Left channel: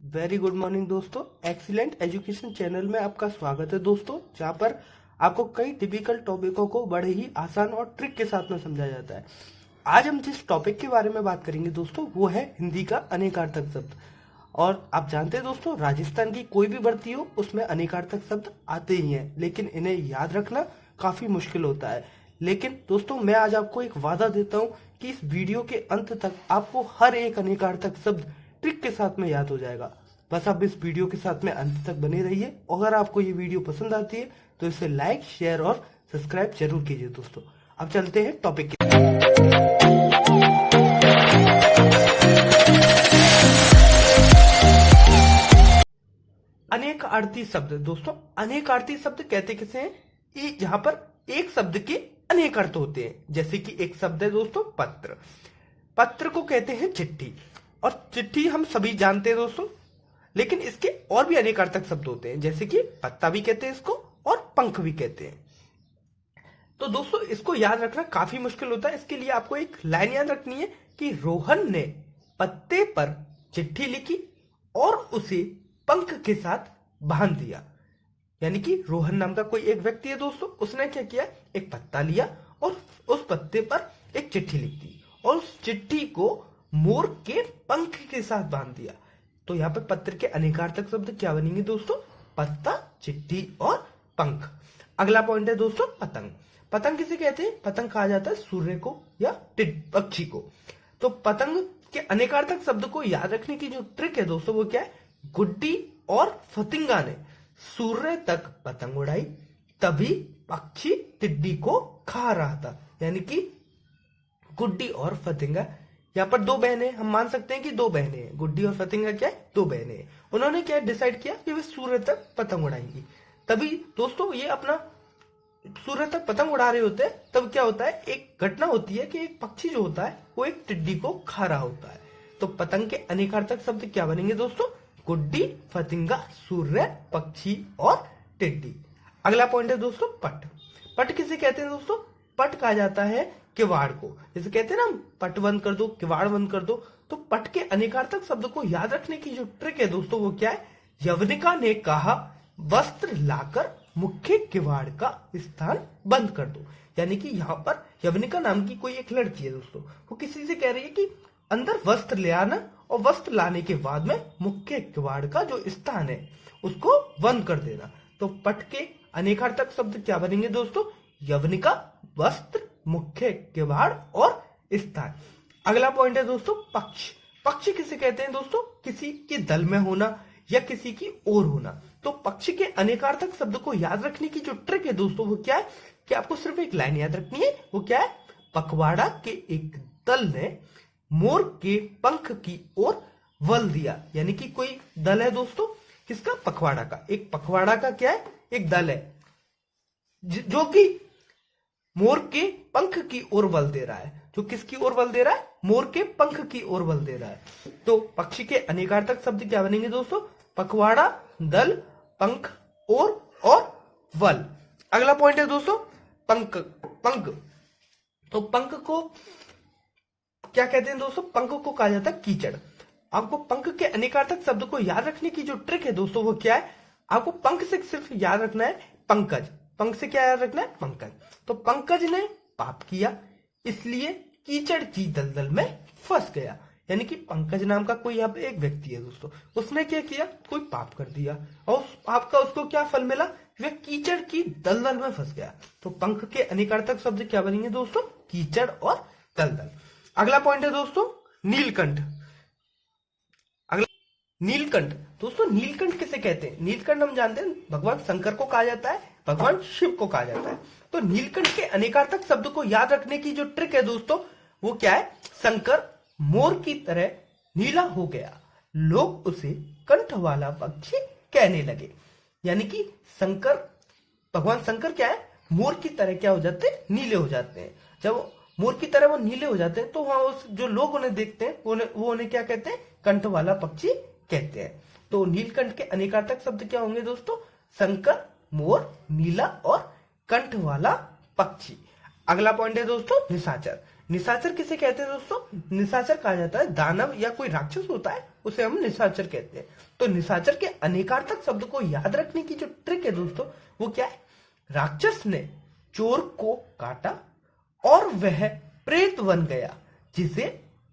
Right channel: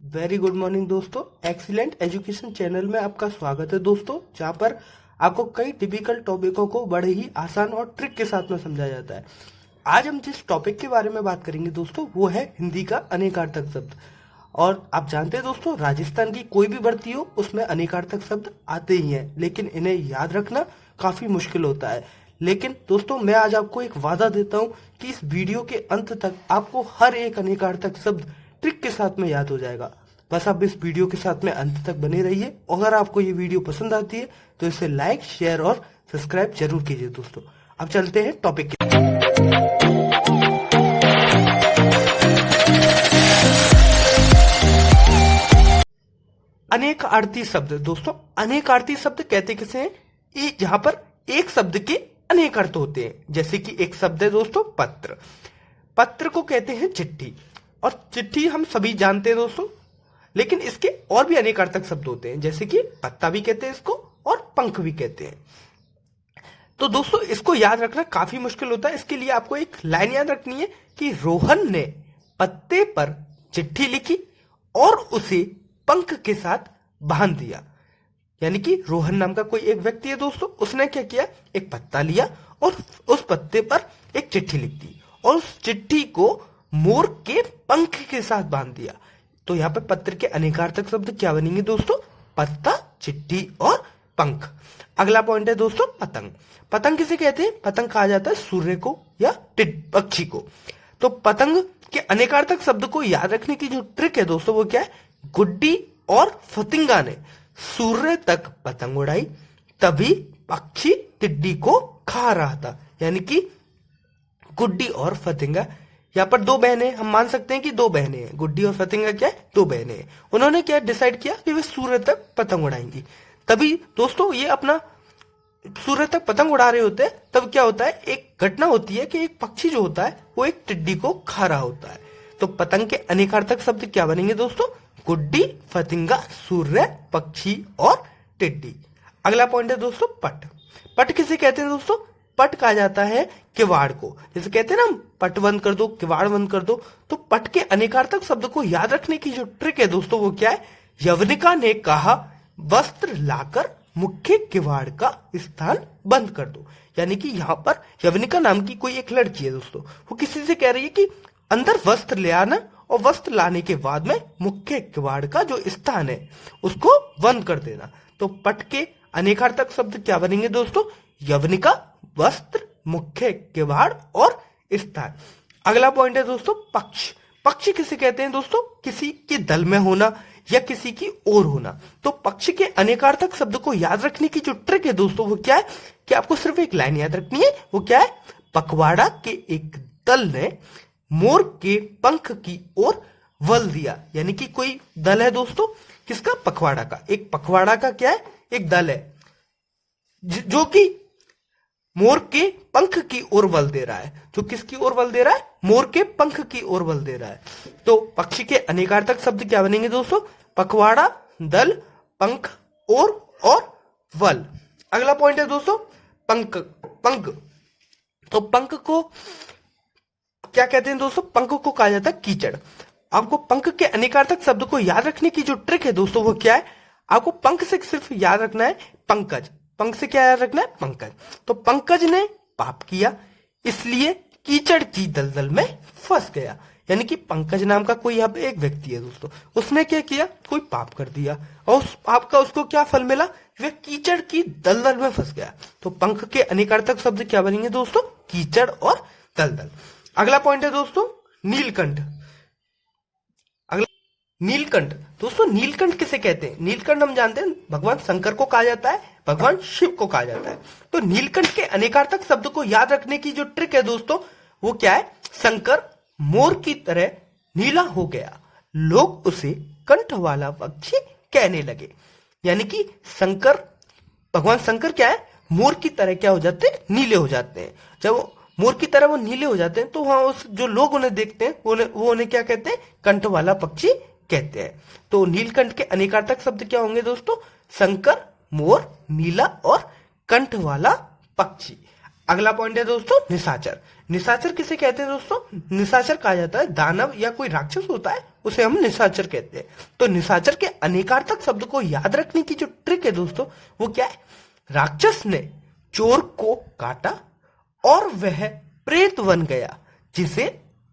Very good morning दोस्तों। Excellent education channel में आपका स्वागत है दोस्तों, जहां पर आपको कई टिपिकल टॉपिकों को बड़े ही आसान और ट्रिक के साथ में समझाया जाता है। आज हम जिस टॉपिक के बारे में बात करेंगे दोस्तों, वो है हिंदी का अनेकार्थक शब्द। और आप जानते हैं दोस्तों, राजस्थान की कोई भी भर्ती हो उसमें अनेकार्थक शब्द आते ही हैं, लेकिन इन्हें याद रखना काफी मुश्किल होता है। लेकिन दोस्तों, मैं आज आपको एक वादा देता हूं कि इस वीडियो के अंत तक आपको हर एक अनेकार्थक शब्द ट्रिक के साथ में याद हो जाएगा। बस आप इस वीडियो के साथ में अंत तक बने रहिए। अगर आपको ये वीडियो पसंद आती है तो इसे लाइक, शेयर और सब्सक्राइब जरूर कीजिए दोस्तों। अब चलते हैं टॉपिक के। अनेक आरती शब्द दोस्तों, अनेक आरती शब्द कहते किसे हैं? जहां पर एक शब्द के अनेक अर्थ होते हैं। जैसे कि एक शब्द है दोस्तों पत्र। पत्र को कहते हैं चिट्ठी, और चिट्ठी हम सभी जानते हैं दोस्तों, लेकिन इसके और भी अनेकार्थक शब्द होते हैं। जैसे कि पत्ता भी कहते हैं इसको, और पंख भी कहते हैं। तो दोस्तों, इसको याद रखना काफी मुश्किल होता है। इसके लिए आपको एक लाइन याद रखनी है कि रोहन ने पत्ते पर चिट्ठी लिखी और उसे पंख के साथ बांध दिया। यानी कि रोहन नाम का कोई एक व्यक्ति है दोस्तों, उसने क्या किया, एक पत्ता लिया और उस पत्ते पर एक चिट्ठी लिख दी और उस चिट्ठी को मोर के पंख के साथ बांध दिया। तो यहाँ पे पत्र के अनेकार्थक शब्द क्या बनेंगे दोस्तों? पत्ता, चिट्ठी और पंख। अगला पॉइंट है दोस्तों पतंग। पतंग किसे कहते हैं? पतंग कहा जाता है सूर्य को या पक्षी को। तो पतंग के अनेकार्थक शब्द को याद रखने की जो ट्रिक है दोस्तों, वो क्या है? गुड्डी और फतिंगा ने सूर्य तक पतंग उड़ाई, तभी पक्षी टिड्डी को खा रहा था। यानी कि गुड्डी और फतिंगा, यहाँ पर दो बहनें, हम मान सकते हैं कि दो बहनें हैं। गुड्डी और फतिंगा क्या है? दो बहनें हैं। उन्होंने क्या डिसाइड किया कि वे सूर्य तक पतंग उड़ाएंगी। तभी दोस्तों ये अपना सूर्य तक पतंग उड़ा रहे होते हैं, तब क्या होता है, एक घटना होती है कि एक पक्षी जो होता है वो एक टिड्डी को खा रहा होता है। तो पतंग के अनेकार्थक शब्द क्या बनेंगे दोस्तों? गुड्डी, फतिंगा, सूर्य, पक्षी और टिड्डी। अगला पॉइंट है दोस्तों पट। पट किसे कहते हैं दोस्तों? पट कहा जाता है किवाड़ को। जैसे कहते हैं ना, पट बंद कर दो, किवाड़ बंद कर दो। तो पट के अनेकार्थक शब्द को याद रखने की जो ट्रिक है दोस्तों, वो क्या है? यवनिका ने कहा वस्त्र लाकर मुख्य किवाड़ का स्थान बंद कर दो। यानी कि यहाँ पर यवनिका नाम की कोई एक लड़की है दोस्तों, वो किसी से कह रही है कि अंदर वस्त्र ले आना, और वस्त्र लाने के बाद में मुख्य किवाड़ का जो स्थान है उसको बंद कर देना। तो पट के अनेकार्थक शब्द क्या बनेंगे दोस्तों? यवनिका, वस्त्र, मुख्य किवाड़ और स्थान। अगला पॉइंट है दोस्तों पक्ष। पक्ष किसे कहते हैं दोस्तों? किसी के दल में होना या किसी की ओर होना। तो पक्ष के अनेकार्थक शब्द को याद रखने की जो ट्रिक है दोस्तों, वो क्या है कि आपको सिर्फ एक लाइन याद रखनी है। वो क्या है? पखवाड़ा के एक दल ने मोर के पंख की ओर बल दिया। यानी कि कोई दल है दोस्तों, किसका? पखवाड़ा का। एक पखवाड़ा का क्या है? एक दल है जो कि मोर के पंख की ओर बल दे रहा है। जो किसकी ओर बल दे रहा है? मोर के पंख की ओर बल दे रहा है। तो पक्षी के अनेकार्थक शब्द क्या बनेंगे दोस्तों? पखवाड़ा, दल, पंख, ओर और बल। अगला पॉइंट है दोस्तों पंख। पंख, तो पंख को क्या कहते हैं दोस्तों? पंख को कहा जाता है कीचड़। आपको पंख के अनेकार्थक शब्द को याद रखने की जो ट्रिक है दोस्तों, वो क्या है? आपको पंख से सिर्फ याद रखना है पंकज। पंख से क्या याद रखना है? पंकज। तो पंकज ने पाप किया, इसलिए कीचड़ की दलदल में फंस गया। यानी कि पंकज नाम का कोई यहाँ पे एक व्यक्ति है दोस्तों, उसने क्या किया? कोई पाप कर दिया, और उस पाप का उसको क्या फल मिला? वह कीचड़ की दलदल में फंस गया। तो पंख के अनेकार्थक शब्द क्या बनेंगे दोस्तों? कीचड़ और दलदल। अगला पॉइंट है दोस्तों नीलकंठ। अगला नीलकंठ दोस्तों, नीलकंठ किसे कहते हैं? नीलकंठ हम जानते हैं भगवान शंकर को कहा जाता है, भगवान शिव को कहा जाता है। तो नीलकंठ के अनेकार्थक शब्द को याद रखने की जो ट्रिक है दोस्तों, वो क्या है? शंकर मोर की तरह नीला हो गया, लोग उसे कंठ वाला पक्षी कहने लगे। यानी कि शंकर, भगवान शंकर क्या है? मोर की तरह क्या हो जाते हैं? नीले हो जाते हैं। जब मोर की तरह वो नीले हो जाते हैं तो वहां उस जो लोग उन्हें देखते हैं वो उन्हें क्या कहते हैं? कंठ वाला पक्षी कहते हैं। तो नीलकंठ के अनेकार्थक शब्द क्या होंगे दोस्तों? शंकर, मोर, नीला और कंठ वाला पक्षी। अगला पॉइंट है दोस्तों निशाचर। निशाचर किसे कहते हैं दोस्तों? निशाचर कहा जाता है दानव या कोई राक्षस होता है उसे हम निशाचर कहते हैं। तो निशाचर के अनेकार्थक शब्द को याद रखने की जो ट्रिक है दोस्तों वो क्या है? राक्षस ने चोर को काटा और वह प्रेत बन गया जिसे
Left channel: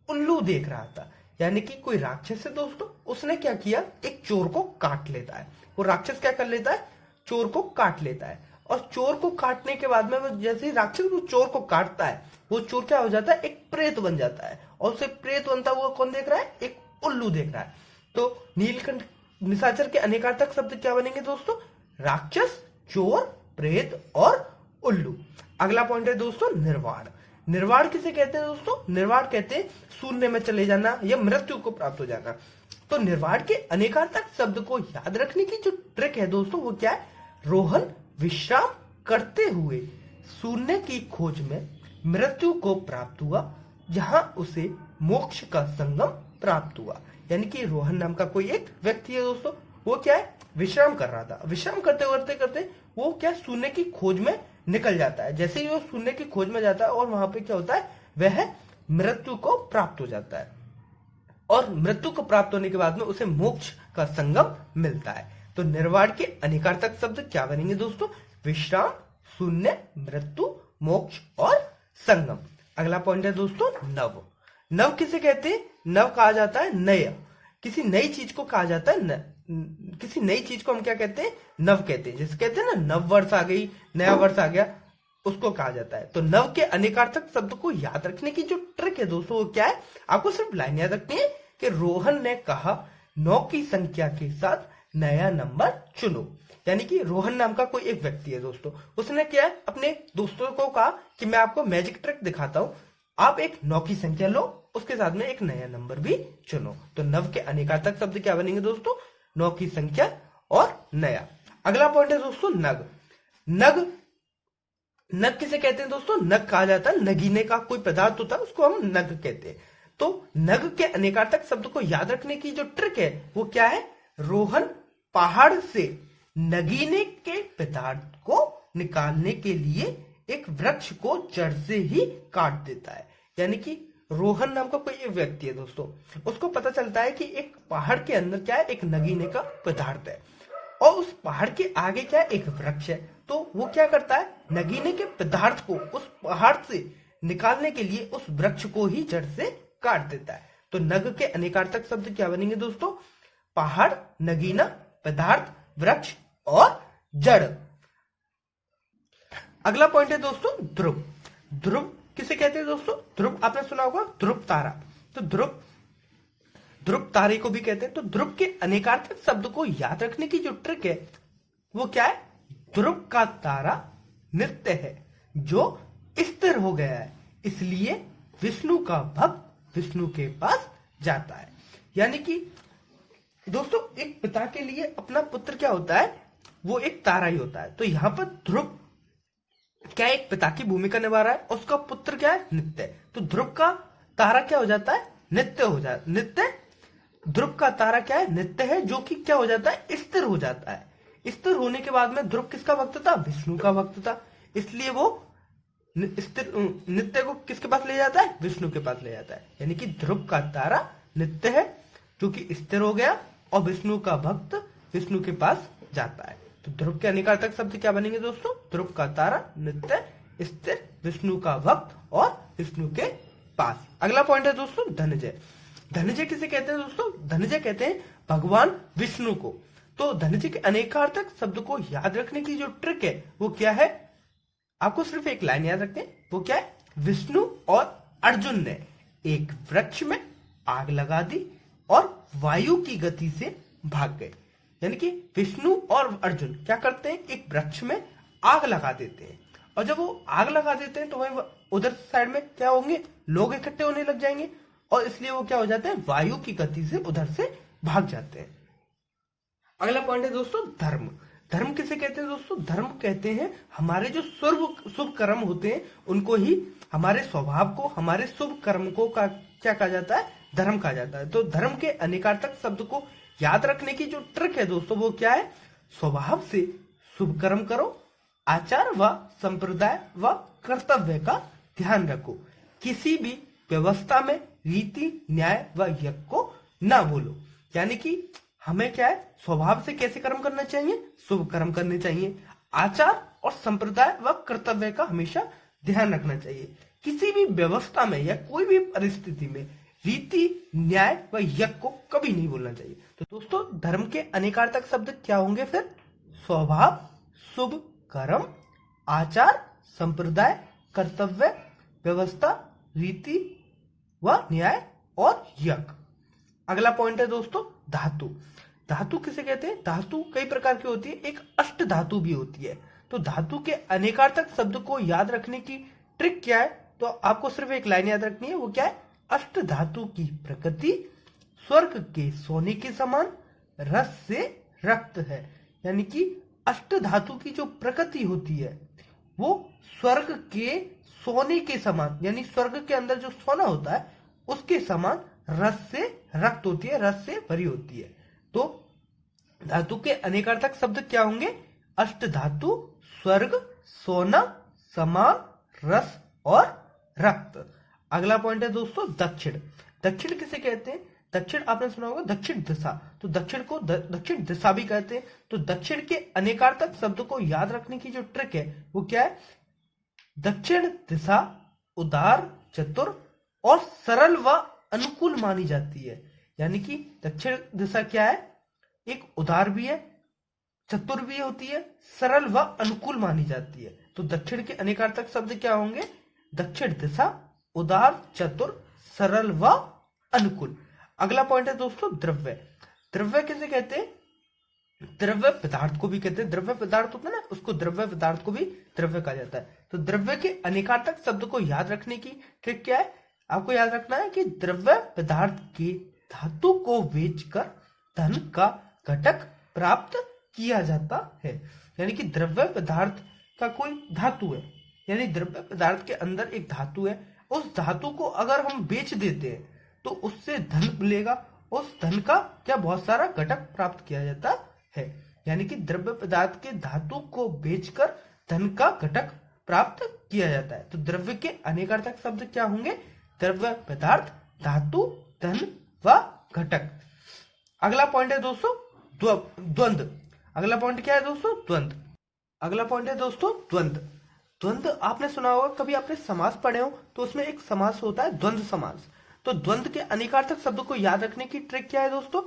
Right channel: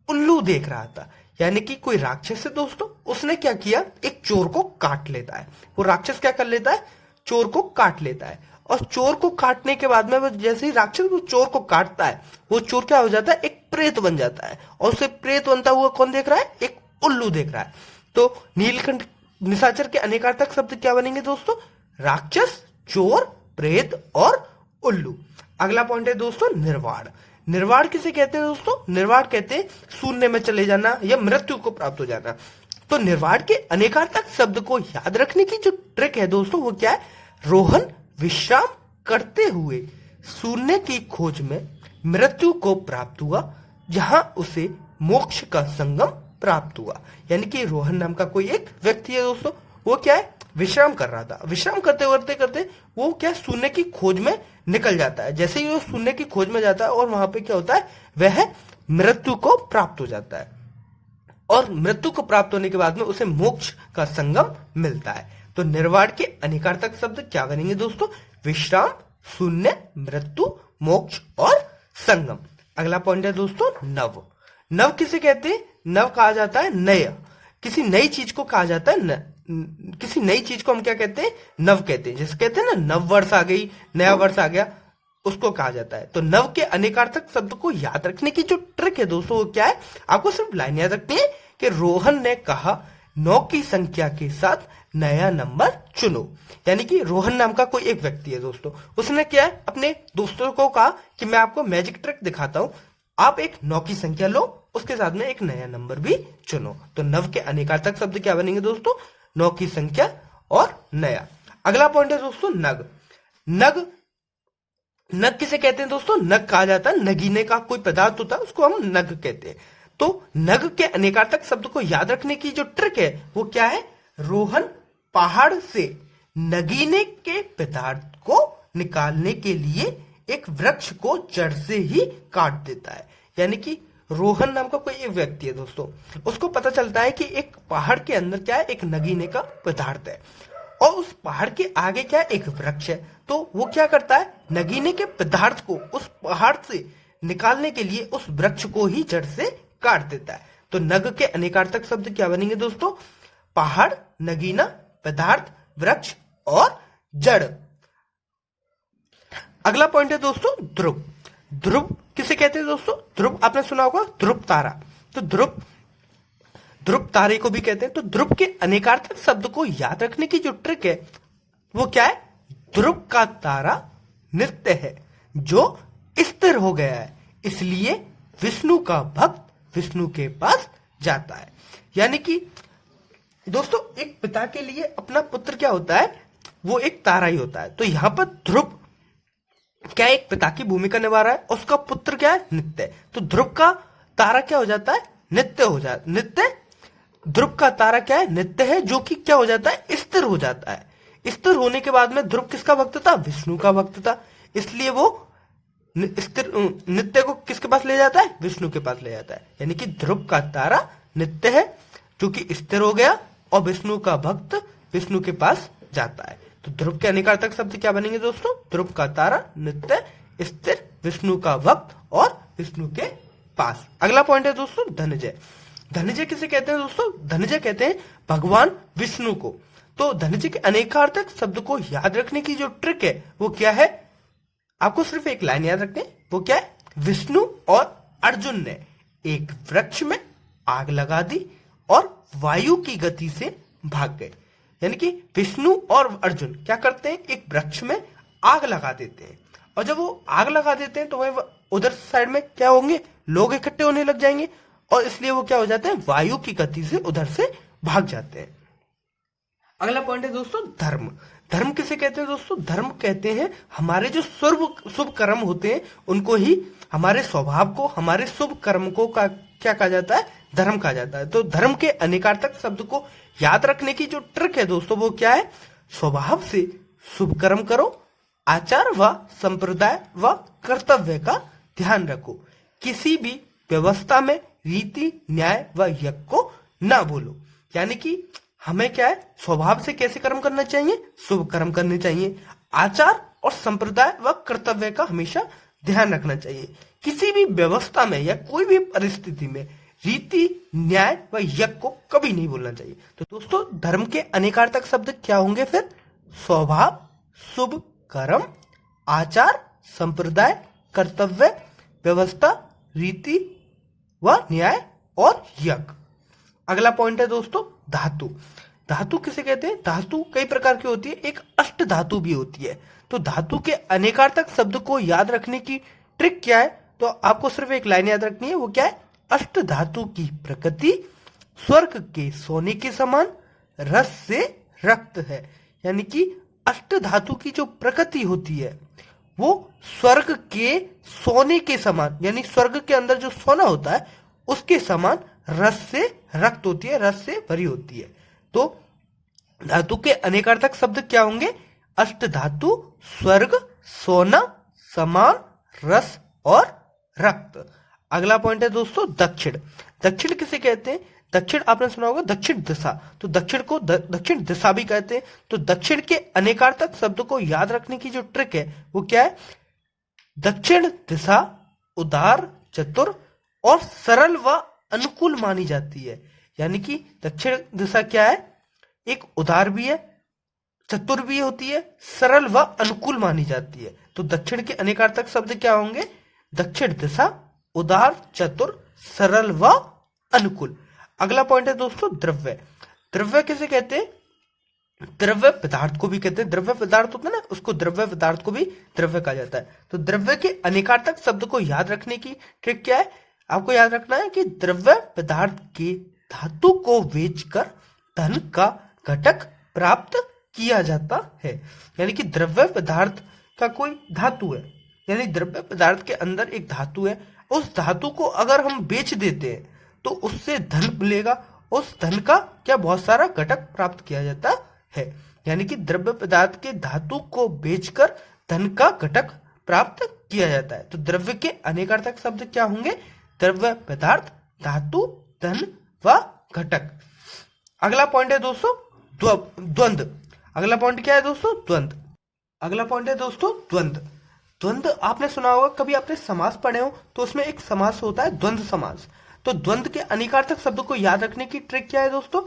उल्लू देख रहा था। यानी कि कोई राक्षस है दोस्तों, उसने क्या किया, एक चोर को काट लेता है। वो राक्षस क्या कर लेता है? चोर को काट लेता है। और चोर को काटने के बाद में वो जैसे ही राक्षस वो चोर को काटता है, वो चोर क्या हो जाता है? एक प्रेत बन जाता है। और उसे प्रेत बनता हुआ कौन देख रहा है? एक उल्लू देख रहा है। तो नीलकंठ निशाचर के अनेकार्थक शब्द क्या बनेंगे दोस्तों? राक्षस, चोर, प्रेत और उल्लू। अगला पॉइंट है दोस्तों निर्वाण। निर्वाण किसे कहते हैं दोस्तों? निर्वाण कहते हैं शून्य में चले जाना या मृत्यु को प्राप्त हो जाना। तो निर्वाण के अनेकार्थक शब्द को याद रखने की जो ट्रिक है दोस्तों वो क्या है? रोहन विश्राम करते हुए शून्य की खोज में मृत्यु को प्राप्त हुआ जहां उसे मोक्ष का संगम प्राप्त हुआ। यानी कि रोहन नाम का कोई एक व्यक्ति है दोस्तों, वो क्या है? विश्राम कर रहा था। विश्राम करते करते करते वो क्या शून्य की खोज में निकल जाता है। जैसे ही वो शून्य की खोज में जाता है और वहां पे क्या होता है? वह मृत्यु को प्राप्त हो जाता है। और मृत्यु को प्राप्त होने के बाद में उसे मोक्ष का संगम मिलता है। तो निर्वाण के अनेकार्थक शब्द क्या बनेंगे दोस्तों? विश्राम, शून्य, मृत्यु, मोक्ष और संगम। अगला पॉइंट है दोस्तों नव। नव किसे कहते हैं? नव कहा जाता है नया। किसी नई चीज को कहा जाता है किसी नई चीज को हम क्या कहते हैं? नव कहते हैं। जैसे कहते हैं ना नव वर्ष आ गई, नया वर्ष आ गया, उसको कहा जाता है। तो नव के अनेकार्थक शब्द को याद रखने की जो ट्रिक है दोस्तों वो क्या है? आपको सिर्फ लाइन याद रखनी है कि रोहन ने कहा 9 की संख्या के साथ नया नंबर चुनो। यानी कि रोहन नाम का कोई एक व्यक्ति है दोस्तों, उसने क्या है? अपने दोस्तों को कहा कि मैं आपको मैजिक ट्रिक दिखाता हूं, आप एक 9 की संख्या लो, उसके साथ में एक नया नंबर भी चुनो। तो नव के अनेकार्थक शब्द क्या बनेंगे दोस्तों? 9 की संख्या और नया। अगला पॉइंट है दोस्तों नग। नग नग किसे कहते हैं दोस्तों? नग कहा जाता है नगीने का कोई पदार्थ होता है, उसको हम नग कहते हैं। तो नग के अनेकार्थक शब्द को याद रखने की जो ट्रिक है वो क्या है? रोहन पहाड़ से नगीने के पदार्थ को निकालने के लिए एक वृक्ष को जड़ से ही काट देता है। यानी कि रोहन नाम का कोई एक व्यक्ति है दोस्तों, उसको पता चलता है कि एक पहाड़ के अंदर क्या है? एक नगीने का पदार्थ है और उस पहाड़ के आगे क्या है? एक वृक्ष है। तो वो क्या करता है? नगीने के पदार्थ को उस पहाड़ से निकालने के लिए उस वृक्ष को ही जड़ से काट देता है। तो नग के अनेकार्थक शब्द क्या बनेंगे दोस्तों? पहाड़, नगीना, पदार्थ, वृक्ष और जड़। अगला पॉइंट है दोस्तों ध्रुव। ध्रुव किसे कहते हैं दोस्तों? ध्रुव आपने सुना होगा ध्रुव तारा। तो ध्रुव तारे को भी कहते हैं। तो ध्रुव के अनेकार्थक शब्द को याद रखने की जो ट्रिक है वो क्या है? ध्रुव का तारा नित्य है जो स्थिर हो गया है, इसलिए विष्णु का भक्त विष्णु के पास जाता है। यानी कि दोस्तों एक पिता के लिए अपना पुत्र क्या होता है? वो एक तारा ही होता है। तो यहां पर ध्रुव क्या एक पिता की भूमिका निभा रहा है, उसका पुत्र क्या है? नित्य। तो ध्रुव का तारा क्या हो जाता है? नित्य हो जाता है। नित्य ध्रुव का तारा क्या है? नित्य है, जो कि क्या हो जाता है? स्थिर हो जाता है। स्थिर होने के बाद में ध्रुव किसका भक्त था? विष्णु का भक्त था, इसलिए वो स्थिर नित्य को किसके पास ले जाता है? विष्णु के पास ले जाता है। यानी कि ध्रुव का तारा नित्य है जो कि स्थिर हो गया और विष्णु का भक्त विष्णु के पास जाता है। तो ध्रुव के अनेकार्थक शब्द क्या बनेंगे दोस्तों? ध्रुव का तारा, नित्य, स्थिर, विष्णु का भक्त और विष्णु के पास। अगला पॉइंट है दोस्तों धनंजय। धनंजय किसे कहते हैं दोस्तों? धनंजय कहते हैं भगवान विष्णु को। तो धनंजय के अनेकार्थक शब्द को याद रखने की जो ट्रिक है वो क्या है? आपको सिर्फ एक लाइन याद रखनी है, वो क्या है? विष्णु और अर्जुन ने एक वृक्ष में आग लगा दी और वायु की गति से भाग गए। यानी कि विष्णु और अर्जुन क्या करते हैं? एक वृक्ष में आग लगा देते हैं और जब वो आग लगा देते हैं तो वह उधर साइड में क्या होंगे? लोग इकट्ठे होने लग जाएंगे और इसलिए वो क्या हो जाते हैं? वायु की गति से उधर से भाग जाते हैं। अगला पॉइंट है दोस्तों धर्म। धर्म किसे कहते हैं दोस्तों? धर्म कहते हैं हमारे जो शुभ कर्म होते हैं उनको ही, हमारे स्वभाव को, हमारे शुभ कर्म को क्या कहा जाता है? धर्म कहा जाता है। तो धर्म के अनेकार्थक शब्द को याद रखने की जो ट्रिक है दोस्तों वो क्या है? स्वभाव से शुभ कर्म करो, आचार व संप्रदाय व कर्तव्य का ध्यान रखो। किसी भी व्यवस्था में रीति न्याय व यज्ञ को ना भूलो। यानी कि हमें क्या है, स्वभाव से कैसे कर्म करना चाहिए, शुभ कर्म करने चाहिए। आचार और संप्रदाय व कर्तव्य का हमेशा ध्यान रखना चाहिए। किसी भी व्यवस्था में या कोई भी परिस्थिति में रीति न्याय व यज्ञ को कभी नहीं भूलना चाहिए। तो दोस्तों, धर्म के अनेकार्थक शब्द क्या होंगे फिर? स्वभाव, शुभ कर्म, आचार, संप्रदाय, कर्तव्य, व्यवस्था, रीति व न्याय और यज्ञ। अगला पॉइंट है दोस्तों धातु। धातु किसे कहते हैं? धातु कई प्रकार की होती है, एक अष्ट धातु भी होती है। तो धातु के अनेकार्थक शब्द को याद रखने की ट्रिक क्या है? तो आपको सिर्फ एक लाइन याद रखनी है, वो क्या है? अष्ट धातु की प्रकृति स्वर्ग के सोने के समान, रस से रक्त है। यानी कि अष्ट धातु की जो प्रकृति होती है वो स्वर्ग के सोने के समान, यानी स्वर्ग के अंदर जो सोना होता है उसके समान रस से रक्त होती है, रस से भरी होती है। तो धातु के अनेकार्थक शब्द क्या होंगे? अष्ट धातु, स्वर्ग, सोना, समान, रस और रक्त। अगला पॉइंट है दोस्तों दक्षिण। दक्षिण किसे कहते हैं? दक्षिण आपने सुना होगा दक्षिण दिशा। तो दक्षिण को दक्षिण दिशा भी कहते हैं। तो दक्षिण के अनेकार्थक शब्द को याद रखने की जो ट्रिक है वो क्या है? दक्षिण दिशा उदार, चतुर और सरल व अनुकूल मानी जाती है। यानी कि दक्षिण दिशा क्या है? एक उदार भी है, चतुर भी होती है, सरल व अनुकूल मानी जाती है। तो दक्षिण के अनेकार्थक शब्द क्या होंगे? दक्षिण दिशा उदार, चतुर, सरल व अनुकूल। अगला पॉइंट है दोस्तों द्रव्य। द्रव्य किसे कहते हैं? द्रव्य पदार्थ को भी कहते हैं। द्रव्य पदार्थ होता है ना, उसको द्रव्य पदार्थ को भी द्रव्य कहा जाता है। तो द्रव्य के अनेकार्थक शब्द को याद रखने की ट्रिक क्या है? आपको याद रखना है कि द्रव्य पदार्थ के धातु को बेचकर धन का घटक प्राप्त किया जाता है। यानी कि द्रव्य पदार्थ का कोई धातु है, यानी द्रव्य पदार्थ के अंदर एक धातु है, उस धातु को अगर हम बेच देते हैं तो उससे धन मिलेगा, उस धन का क्या बहुत सारा घटक प्राप्त किया जाता है। यानी कि द्रव्य पदार्थ के धातु को बेचकर धन का घटक प्राप्त किया जाता है। तो द्रव्य के अनेकार्थक शब्द क्या होंगे? द्रव्य पदार्थ, धातु, धन व घटक। अगला पॉइंट है दोस्तों द्वंद्व। अगला पॉइंट क्या है दोस्तों? द्वंद्व। अगला पॉइंट है दोस्तों द्वंद्व। द्वंद्व आपने सुना होगा, कभी आपने समास पढ़े हो तो उसमें एक समास होता है द्वंद्व समास। तो द्वंद्व के अनेकार्थक शब्द को याद रखने की ट्रिक क्या है दोस्तों?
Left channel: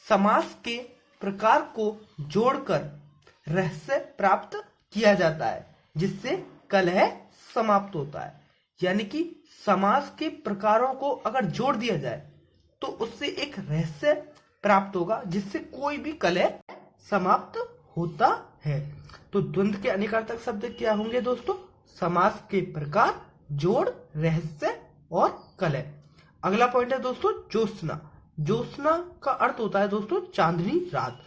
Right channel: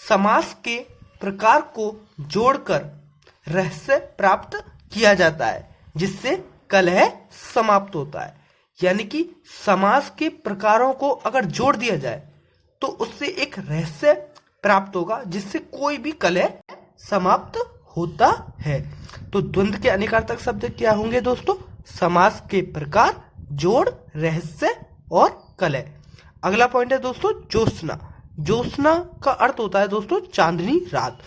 समास के प्रकार को जोड़कर रहस्य प्राप्त किया जाता है जिससे कलह समाप्त होता है। यानी कि समास के प्रकारों को अगर जोड़ दिया जाए तो उससे एक रहस्य प्राप्त होगा जिससे कोई भी कलह समाप्त होता है। तो द्वंद्व के अनेकार्थक शब्द क्या होंगे दोस्तों? समास के प्रकार, जोड़, रहस्य और कलह। अगला पॉइंट है दोस्तों ज्योत्सना। ज्योत्सना का अर्थ होता है दोस्तों चांदनी रात।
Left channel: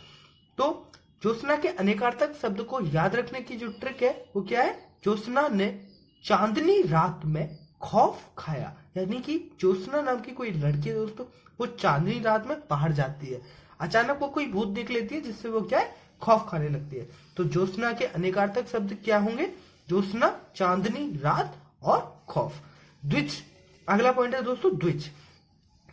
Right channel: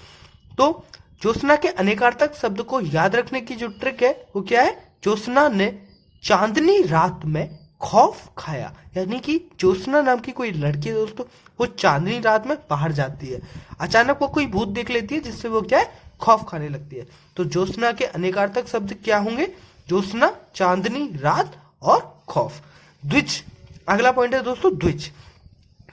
तो ज्योत्सना के अनेकार्थक शब्द को याद रखने की जो ट्रिक है वो क्या है? ज्योत्सना ने चांदनी रात में खौफ खाया। यानी कि ज्योत्सना नाम की कोई लड़की है दोस्तों, वो चांदनी रात में बाहर जाती है, अचानक वो कोई भूत देख लेती है जिससे वो क्या है? खौफ खाने लगती है। तो ज्योत्सना के अनेकार्थक शब्द क्या होंगे? ज्योत्सना, चांदनी रात और खौफ। द्विज। अगला पॉइंट है दोस्तों द्विज।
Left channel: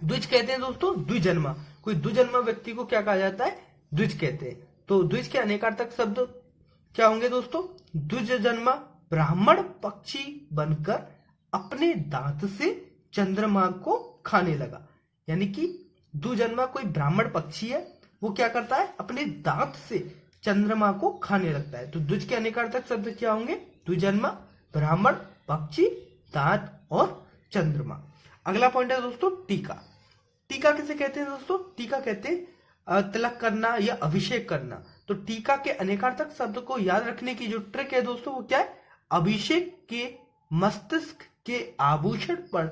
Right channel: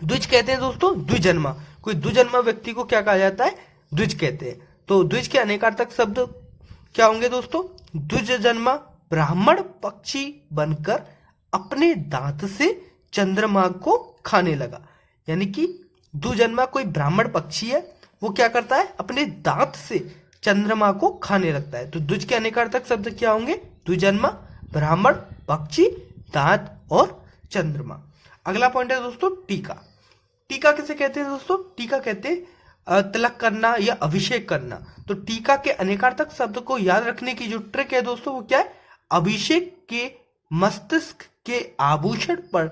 द्विज कहते हैं दोस्तों द्विजन्मा। कोई द्विजन्मा व्यक्ति को क्या कहा जाता है? द्विज कहते हैं। तो द्विज के अनेकार्थक शब्द क्या होंगे दोस्तों? द्विजन्मा ब्राह्मण पक्षी बनकर अपने दांत से चंद्रमा को खाने लगा। यानी कि द्विजन्मा कोई ब्राह्मण पक्षी है, वो क्या करता है? अपने दांत से चंद्रमा को खाने लगता है। तो द्विज के अनेकार्थक शब्द क्या होंगे? द्विजन्मा, ब्राह्मण, पक्षी, दांत और चंद्रमा। अगला पॉइंट है दोस्तों टीका। टीका किसे कहते हैं दोस्तों? टीका कहते हैं तिलक करना या अभिषेक करना। तो टीका के अनेकार्थक शब्द को याद रखने की जो ट्रिक है दोस्तों वो क्या है? अभिषेक के मस्तिष्क के आभूषण पर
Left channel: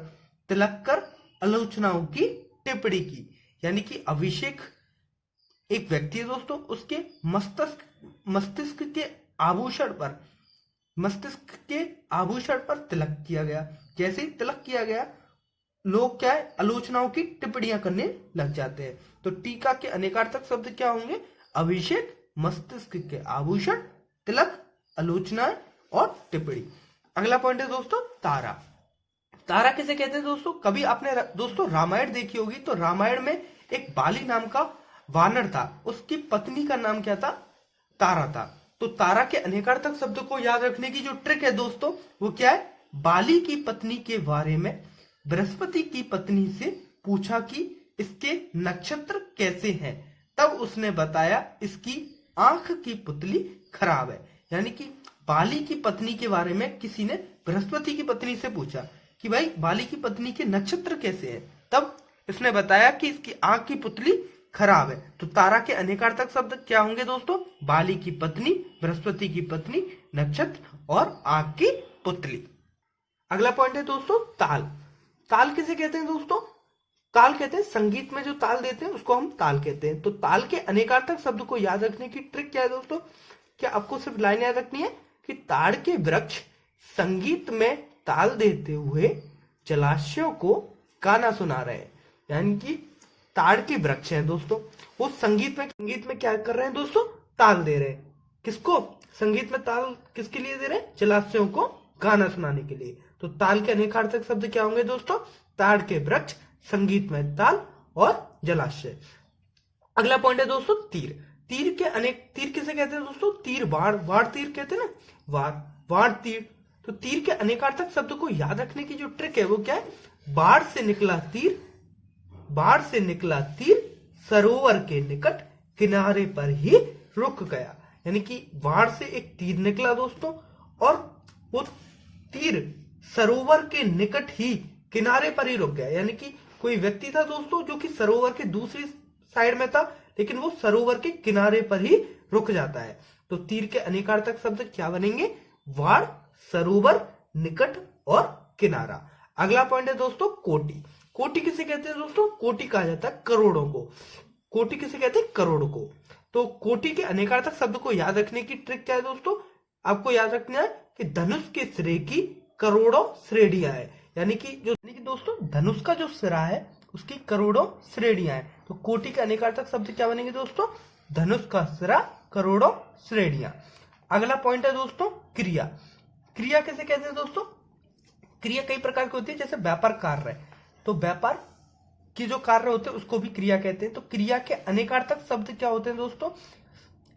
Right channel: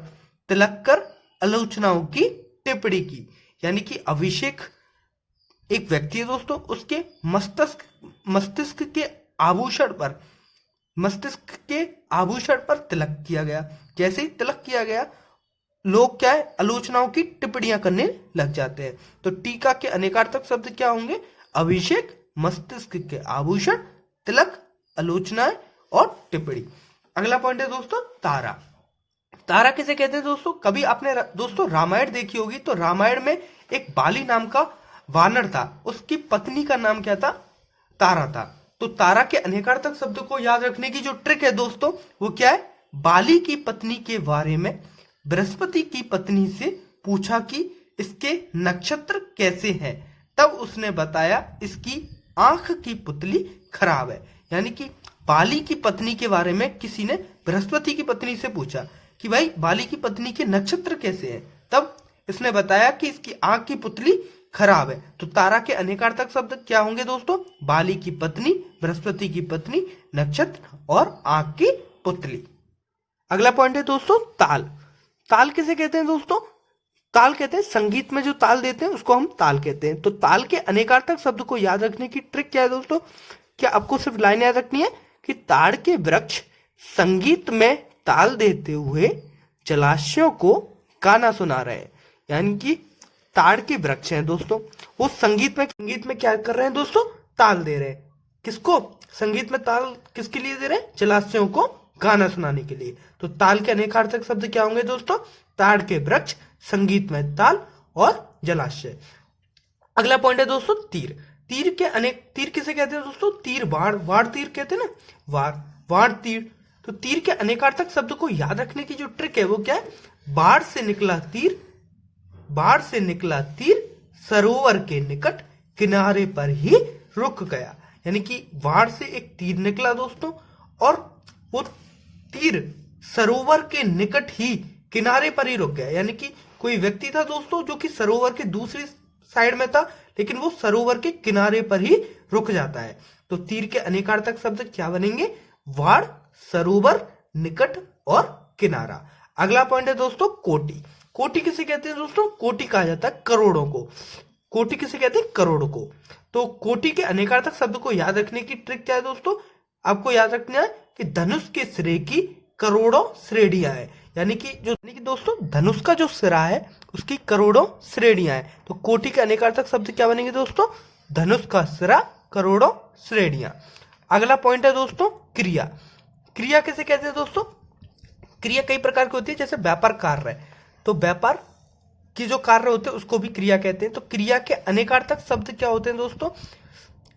तिलक कर आलोचनाओं की टिप्पणी की। यानी कि अभिषेक एक व्यक्ति है दोस्तों, उसके मस्तिष्क के आभूषण पर तिलक किया गया। जैसे ही तिलक किया गया लोग क्या है? आलोचनाओं की टिप्पणियां करने लग जाते हैं। तो टीका के अनेकार्थक शब्द क्या होंगे? अभिषेक, मस्तिष्क के आभूषण, तिलक, आलोचनाएं और टिप्पणी। अगला पॉइंट है दोस्तों तारा। तारा किसे कहते हैं दोस्तों? कभी आपने दोस्तों रामायण देखी होगी, तो रामायण में एक बाली नाम का वानर था, उसकी पत्नी का नाम क्या था? तारा था। तो तारा के अनेकार्थक शब्द को याद रखने की जो ट्रिक है दोस्तों, वो क्या है? बाली की पत्नी के बारे में बृहस्पति की पत्नी से पूछा कि इसके नक्षत्र कैसे हैं, तब उसने बताया इसकी आंख की पुतली खराब है। यानी कि बाली की पत्नी के बारे में किसी ने बृहस्पति की पत्नी से पूछा कि भाई बाली की पत्नी के नक्षत्र कैसे हैं, तब इसने बताया कि इसकी आंख की पुतली खराब है। तो तारा के अनेकार्थक शब्द क्या होंगे दोस्तों? बाली की पत्नी, बृहस्पति की पत्नी, नक्षत्र और आंख की पुतली। अगला पॉइंट है दोस्तों ताल। ताल किसे कहते हैं दोस्तों? ताल कहते हैं संगीत में जो ताल देते हैं उसको हम ताल कहते हैं। तो ताल के अनेकार्थक शब्द को याद रखने की ट्रिक क्या है दोस्तों? क्या आपको सिर्फ लाइन याद रखनी है कि ताड़ के वृक्ष संगीत में ताल देते हुए जलाशयों को गाना सुना रहे हैं। यानी कि ताड़ के वृक्ष हैं दोस्तों, वो संगीत में क्या कर रहे हैं दोस्तों? ताल दे रहे हैं। किसको? संगीत में ताल किसके लिए दे रहे हैं? जलाशयों को गाना सुनाने के लिए। तो ताल के अनेकार्थक शब्द क्या होंगे दोस्तों? ताड़ के वृक्ष, संगीत में ताल और जलाशय। अगला पॉइंट है दोस्तों तीर। तीर किसे कहते हैं दोस्तों? तीर वार तीर कहते हैं ना, वार तीर। तो तीर के अनेकार्थक शब्द को याद रखने की जो ट्रिक है वो क्या है? बाढ़ से निकला तीर सरोवर के निकट किनारे पर ही रुक गया। यानी कि बाढ़ से एक तीर निकला दोस्तों, और वो तीर सरोवर के निकट ही किनारे पर ही रुक गया। यानी कि कोई व्यक्ति था दोस्तों जो कि सरोवर के दूसरी साइड में था, लेकिन वो सरोवर के किनारे पर ही रुक जाता है। तो तीर के अनेकार्थक शब्द क्या बनेंगे? वाड़, सरोवर, निकट और किनारा। अगला पॉइंट है दोस्तों कोटि। कोटि किसे कहते हैं दोस्तों? कोटि कहा जाता है करोड़ों को। कोटि किसे कहते हैं? करोड़ों को। तो कोटि के अनेकार्थक शब्द को याद रखने की ट्रिक क्या है दोस्तों? आपको याद रखना है कि धनुष के सिरे की करोड़ों श्रेणियां हैं। यानी कि दोस्तों धनुष का जो सिरा है उसकी करोड़ों श्रेणियां हैं। तो कोटि के अनेकार्थक शब्द क्या बनेंगे दोस्तों? धनुष का सिरा, करोड़ों श्रेणियां। अगला पॉइंट है दोस्तों क्रिया। क्रिया किसे कहते हैं दोस्तों? क्रिया कई प्रकार की होती है, जैसे व्यापार कार्य है, तो व्यापार की जो कार्य होते हैं उसको भी क्रिया कहते हैं। तो क्रिया के अनेकार्थक शब्द क्या होते हैं दोस्तों?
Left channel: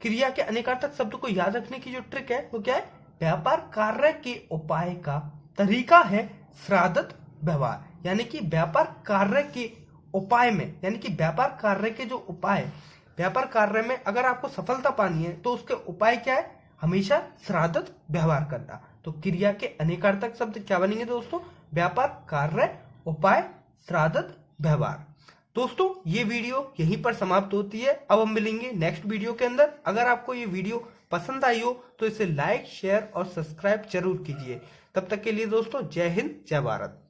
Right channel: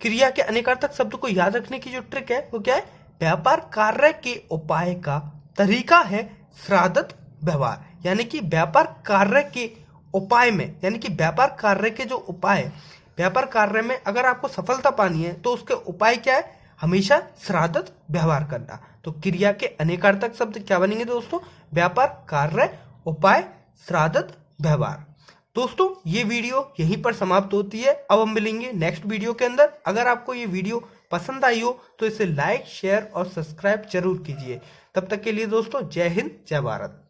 क्रिया के अनेकार्थक शब्द को याद रखने की जो ट्रिक है वो क्या है? व्यापार कार्य के उपाय का तरीका है श्राद्ध व्यवहार। यानी कि व्यापार कार्य के उपाय में, यानी कि व्यापार कार्य के जो उपाय, व्यापार कार्य में अगर आपको सफलता पानी है तो उसके उपाय क्या है? हमेशा श्राद्ध व्यवहार करना। तो क्रिया के अनेकार्थक शब्द क्या बनेंगे दोस्तों? व्यापार कार्य, उपाय, श्राद्ध व्यवहार। दोस्तों ये वीडियो यहीं पर समाप्त होती है। अब हम मिलेंगे नेक्स्ट वीडियो के अंदर। अगर आपको ये वीडियो पसंद आई हो तो इसे लाइक, शेयर और सब्सक्राइब जरूर कीजिए। तब तक के लिए दोस्तों जय हिंद, जय भारत।